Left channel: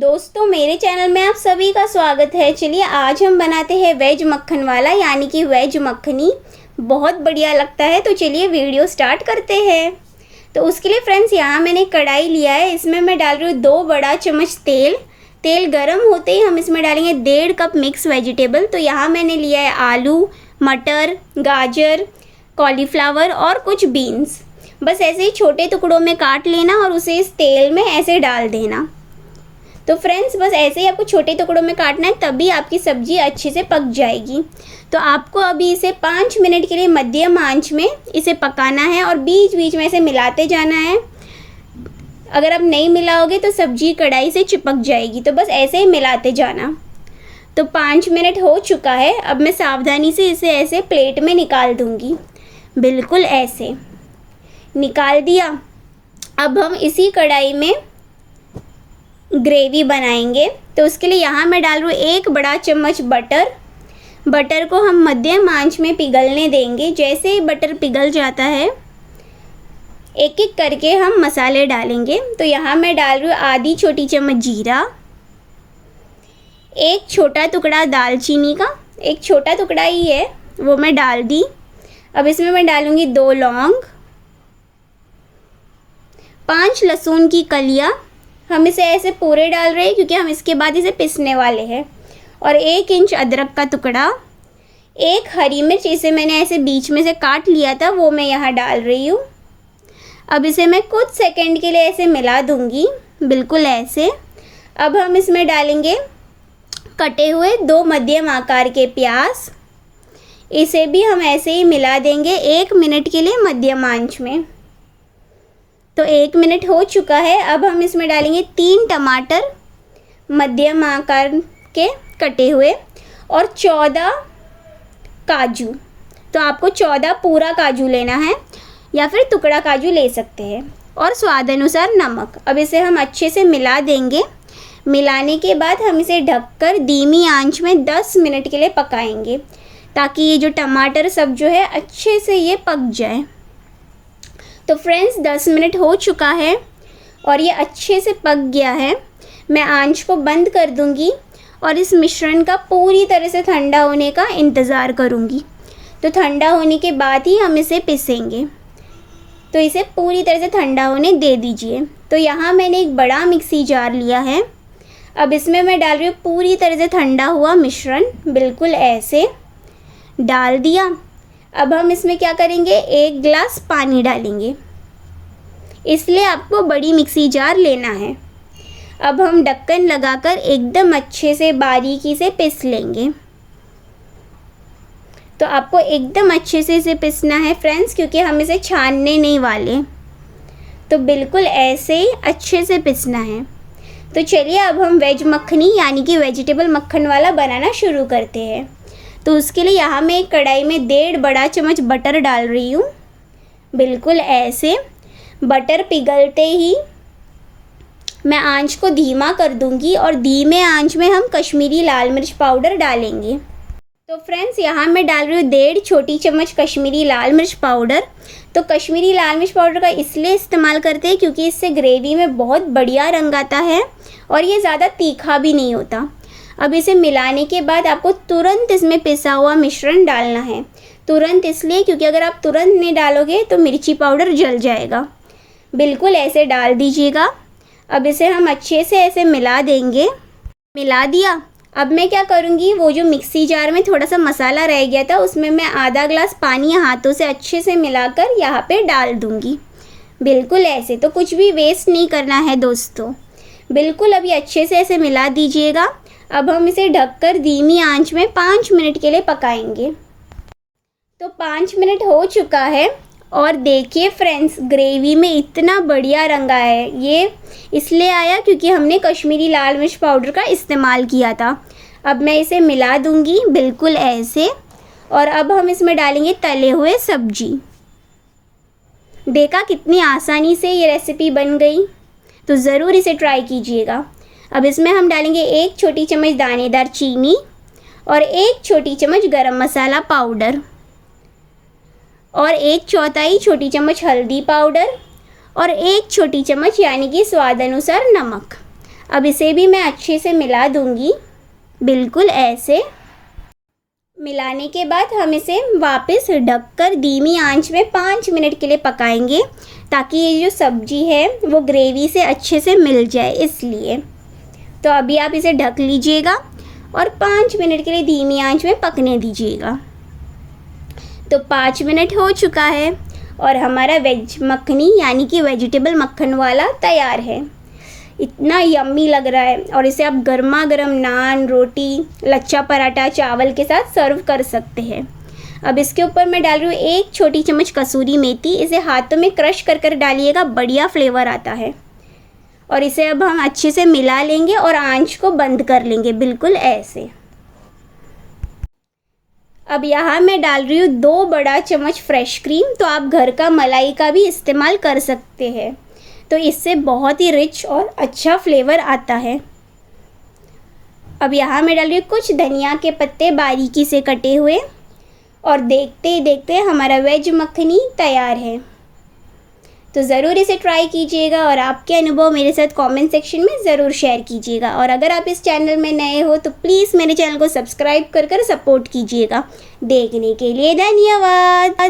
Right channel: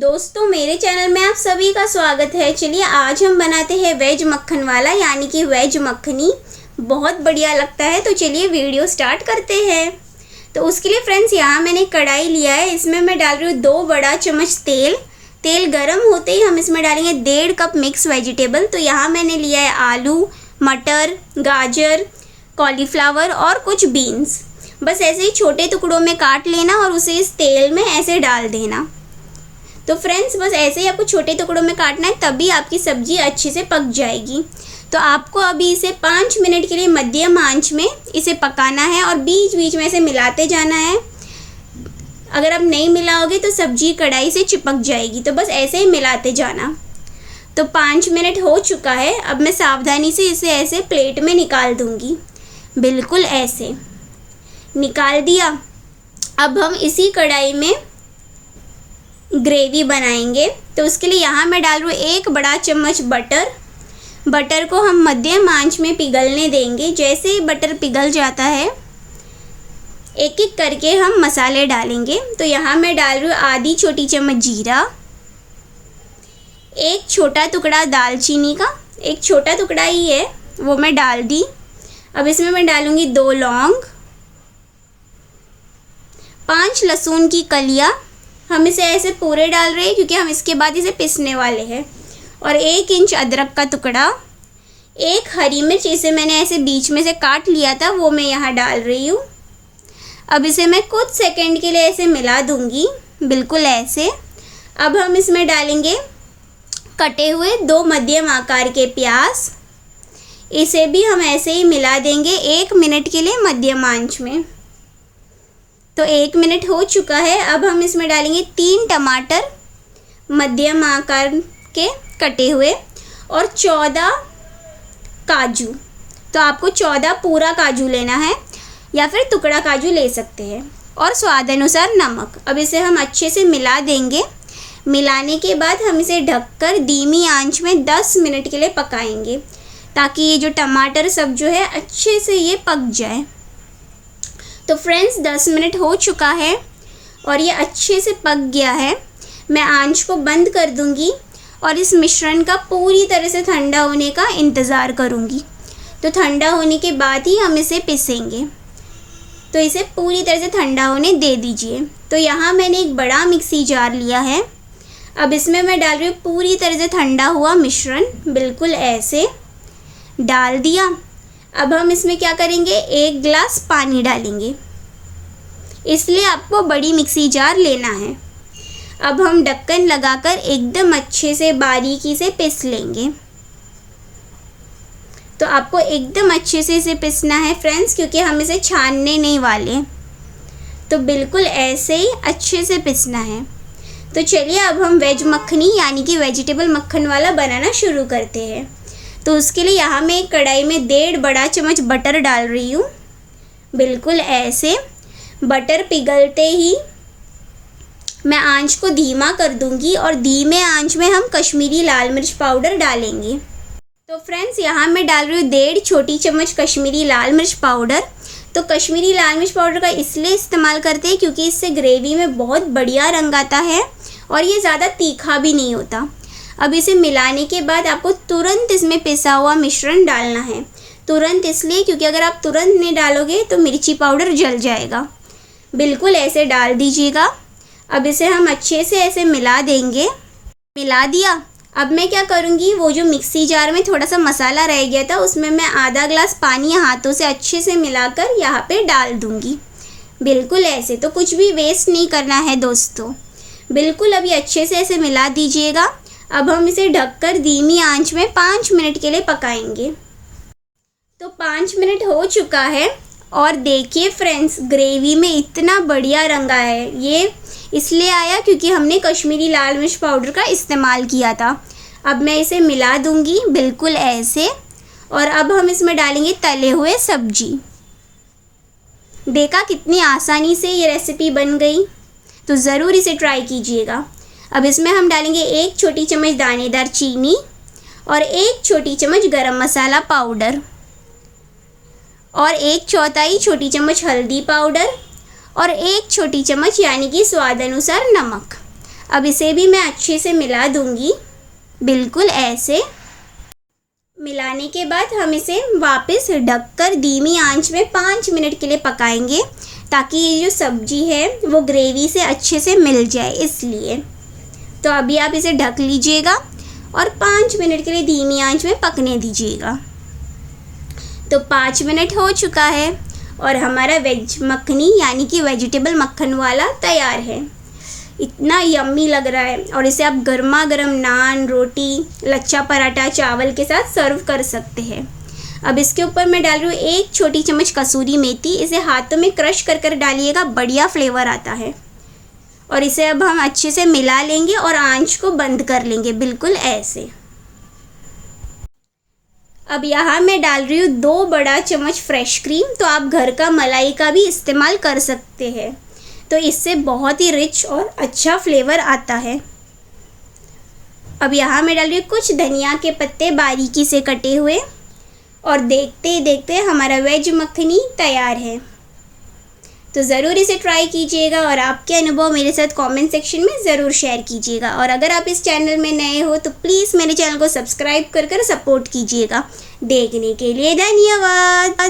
दोस्तों मेरे चैनल में आप सभी का स्वागत है। चलिए आज हम बनाते हैं वेज मक्खन वाला यानी कि वेज मक्खनी। बहुत बढ़िया लगता है। तो चलिए वीडियो स्टार्ट करते हैं। तो उसके लिए फ्रेंड्स यहाँ मैंने कढ़ाई लिया है। इसमें मैं डाल रही हूँ 2 बड़ा चम्मच तेल। तेल गरम होते ही हम इसमें डालेंगे 1.5 कप मिक्स वेजिटेबल। तो यहाँ मैंने लिया है आलू, मटर, गाजर, कॉलीफ्लावर और कुछ बीन्स। बस ऐसे ही छोटे टुकड़ों में काट लेना और उसे इस तेल में ऐसे डाल देना। तो फ्रेंड्स बस ऐसे ही आपको छोटे टुकड़ों में काटना है, तभी आपकी सब्ज़ी अच्छे से पक जाएगी। तो आपको अभी इसे 5 मिनट के लिए मध्यम आंच में इसे पकाना है और बीच बीच में ऐसे मिलाते जाना है। अगर आप नहीं मिलाओगे तो सब्ज़ी कढ़ाई से चिपक जाएगी। तो बस ऐसे ही मिलाते जाना। तो 5 मिनट हो चुका है। अब मैं सावधानी से इसे ऐसे प्लेट में निकाल दूँगी। बिल्कुल ऐसे निकाल दिया। अब हम इसी कढ़ाई में ग्रेवी बनाएंगे। तो उसके लिए यहाँ मैं डाल रही हूँ 1 बड़ा चम्मच बटर। बटर को हम मध्यम आंच में पिघलने देंगे। जैसे ही बटर पिघल जाता है एक एक करके हम मसाले डालेंगे। तो यहाँ मैं डाल रही हूँ आधी छोटी चम्मच जीरा, 1 छोटा टुकड़ा दालचीनी का, 1 छोटा टुकड़ा ही है वो मैं डाल दी। अब इसमें मैं डालूँगी 2 लौंग, 5 लहसुन की कलियाँ। हम इसे ऐसे पूरे डाल रहे हैं क्योंकि हम इसके बाद इसे पीसने वाले हैं। और 1 इंच अदरक का टुकड़ा, 1 हरी मिर्च, इसे मैंने ऐसे बीच में से काट लिया था वो मैं यहाँ डाल रही हूँ। अब इसे मैं कुछ सेकंड के लिए ऐसे मिला दूँगी, बिल्कुल ऐसे। अब हम इसमें डालेंगे कटे हुए 2 मध्यम आकार के प्याज। इसे भी हम ऐसे ही मिला देंगे 1 मिनट के लिए मध्यम आंच में। तो 1 मिनट हो चुका है। अब हम इसमें डालेंगे 3 टमाटर मध्यम आकार के कटे हुए और 14 काजू। तो आपको 14 पूरा काजू लेना है या फिर टुकड़ा काजू ले सकते हैं। और स्वाद अनुसार नमक। अब इसे हम अच्छे से मिला देंगे। मिलाने के बाद हम इसे ढककर धीमी आंच में 10 मिनट के लिए पकाएंगे ताकि ये जो टमाटर सब जो है अच्छे से ये पक जाए। तो फ्रेंड्स 10 मिनट हो चुका है और ये अच्छे से पक गया है। मैं आंच को बंद कर दूंगी और इस मिश्रण का पूरी तरह से ठंडा होने का इंतज़ार करूंगी। तो ठंडा होने के बाद ही हम इसे पीसेंगे। तो इसे पूरी तरह से ठंडा होने दे दीजिए। तो यहाँ मैंने एक बड़ा मिक्सी जार लिया है। अब इसमें मैं डाल रही हूँ पूरी तरह से ठंडा हुआ मिश्रण। बिल्कुल ऐसे डाल दिया। अब हम इसमें क्या करेंगे, 1 गिलास पानी डालेंगे। इसलिए आपको बड़ी मिक्सी जार लेना है। अब हम ढक्कन लगाकर एकदम अच्छे से बारीकी से पीस लेंगे। तो आपको एकदम अच्छे से इसे पीसना है फ्रेंड्स, क्योंकि हम इसे छानने नहीं वाले। तो बिल्कुल ऐसे ही अच्छे से पीसना है। तो चलिए अब हम वेज मक्खनी यानी कि वेजिटेबल मक्खन वाला बनाना शुरू करते हैं। तो उसके लिए यहाँ मैं एक कढ़ाई में 1.5 बड़ा चम्मच बटर डाल रही हूँ। बिल्कुल ऐसे बटर पिघलते ही मैं आंच को धीमा कर दूँगी और धीमे आंच में हम कश्मीरी लाल मिर्च पाउडर डालेंगे। तो फ्रेंड्स यहाँ मैं डाल रही हूँ 1.5 छोटी चम्मच कश्मीरी लाल मिर्च पाउडर। तो कश्मीरी लाल मिर्च पाउडर का इसलिए इस्तेमाल करते हैं क्योंकि इससे ग्रेवी में बहुत बढ़िया रंग आता है और ये ज़्यादा तीखा भी नहीं होता। अब इसे मिलाने के बाद आपको तुरंत इसमें पिसा हुआ मिश्रण डालना है। तुरंत इसलिए क्योंकि अगर आप तुरंत नहीं डालोगे तो मिर्ची पाउडर जल जाएगा। बिल्कुल ऐसे डाल दीजिएगा। अब इसे हम अच्छे से ऐसे मिला देंगे। मिला दिया। अब मैं क्या करूँगी, वो जो मिक्सी जार में थोड़ा सा मसाला रह गया था उसमें मैं आधा ग्लास पानी हाथों से अच्छे से मिलाकर यहाँ पे डाल दूँगी। बिल्कुल ऐसे। तो कुछ भी वेस्ट नहीं करना है दोस्तों। बिल्कुल अभी अच्छे से ऐसे मिला दीजिएगा। अब हम इसे ढककर धीमी आंच में 5 मिनट के लिए पकाएंगे। तो 5 मिनट हो चुका है और देखिए फ्रेंड्स ग्रेवी में इतना बढ़िया रंग आया है। ये इसलिए आया क्योंकि हमने कश्मीरी लाल मिर्च पाउडर का इस्तेमाल किया था। अब मैं इसे मिला दूंगी बिल्कुल ऐसे। और अब हम इसमें डालेंगे तले हुए सब्जी। देखा कितनी आसानी से ये रेसिपी बन गई। तो ज़रूर इसे ट्राई कीजिएगा। अब इसमें हम डालेंगे 1 छोटी चम्मच दानेदार चीनी और 1 छोटी चम्मच गरम मसाला पाउडर और 1/4 छोटी चम्मच हल्दी पाउडर और 1 छोटी चम्मच यानी कि स्वाद अनुसार नमक। अब इसे भी मैं अच्छे से मिला दूंगी, बिल्कुल ऐसे। मिलाने के बाद हम इसे वापस ढककर धीमी आंच में 5 मिनट के लिए पकाएंगे, ताकि ये जो सब्ज़ी है वो ग्रेवी से अच्छे से मिल जाए, इसलिए। तो अभी आप इसे ढक लीजिएगा और 5 मिनट के लिए धीमी आंच में पकने दीजिएगा। तो 5 मिनट हो चुका है और हमारा वेज मखनी यानी कि वेजिटेबल मक्खन वाला तैयार है। इतना यम्मी लग रहा है और इसे आप गर्मा गर्म नान, रोटी, लच्छा पराठा, चावल के साथ सर्व कर सकते हैं। अब इसके ऊपर मैं डाल रही हूँ 1 छोटी चम्मच कसूरी मेथी। इसे हाथों में क्रश कर कर डालिएगा, बढ़िया फ्लेवर आता है। और इसे अब हम अच्छे से मिला लेंगे और आंच को बंद कर लेंगे, बिल्कुल ऐसे। अब यहाँ मैं डाल रही हूँ 2 बड़ा चम्मच फ्रेश क्रीम। तो आप घर का मलाई का भी इस्तेमाल कर सकते हैं, तो इससे बहुत ही रिच और अच्छा फ्लेवर आता है। अब यहाँ मैं डाल रही हूँ कुछ धनिया के पत्ते बारीकी से कटे हुए, और देखते ही देखते हमारा वेज मखनी तैयार है। तो ज़रूर इसे ट्राई कीजिएगा और आपके अनुभव मेरे साथ कमेंट सेक्शन में ज़रूर शेयर कीजिएगा। और अगर आप इस चैनल में नए हो तो प्लीज़ मेरे चैनल को सब्सक्राइब कर सपोर्ट कीजिएगा। देखने के लिए धन्यवाद।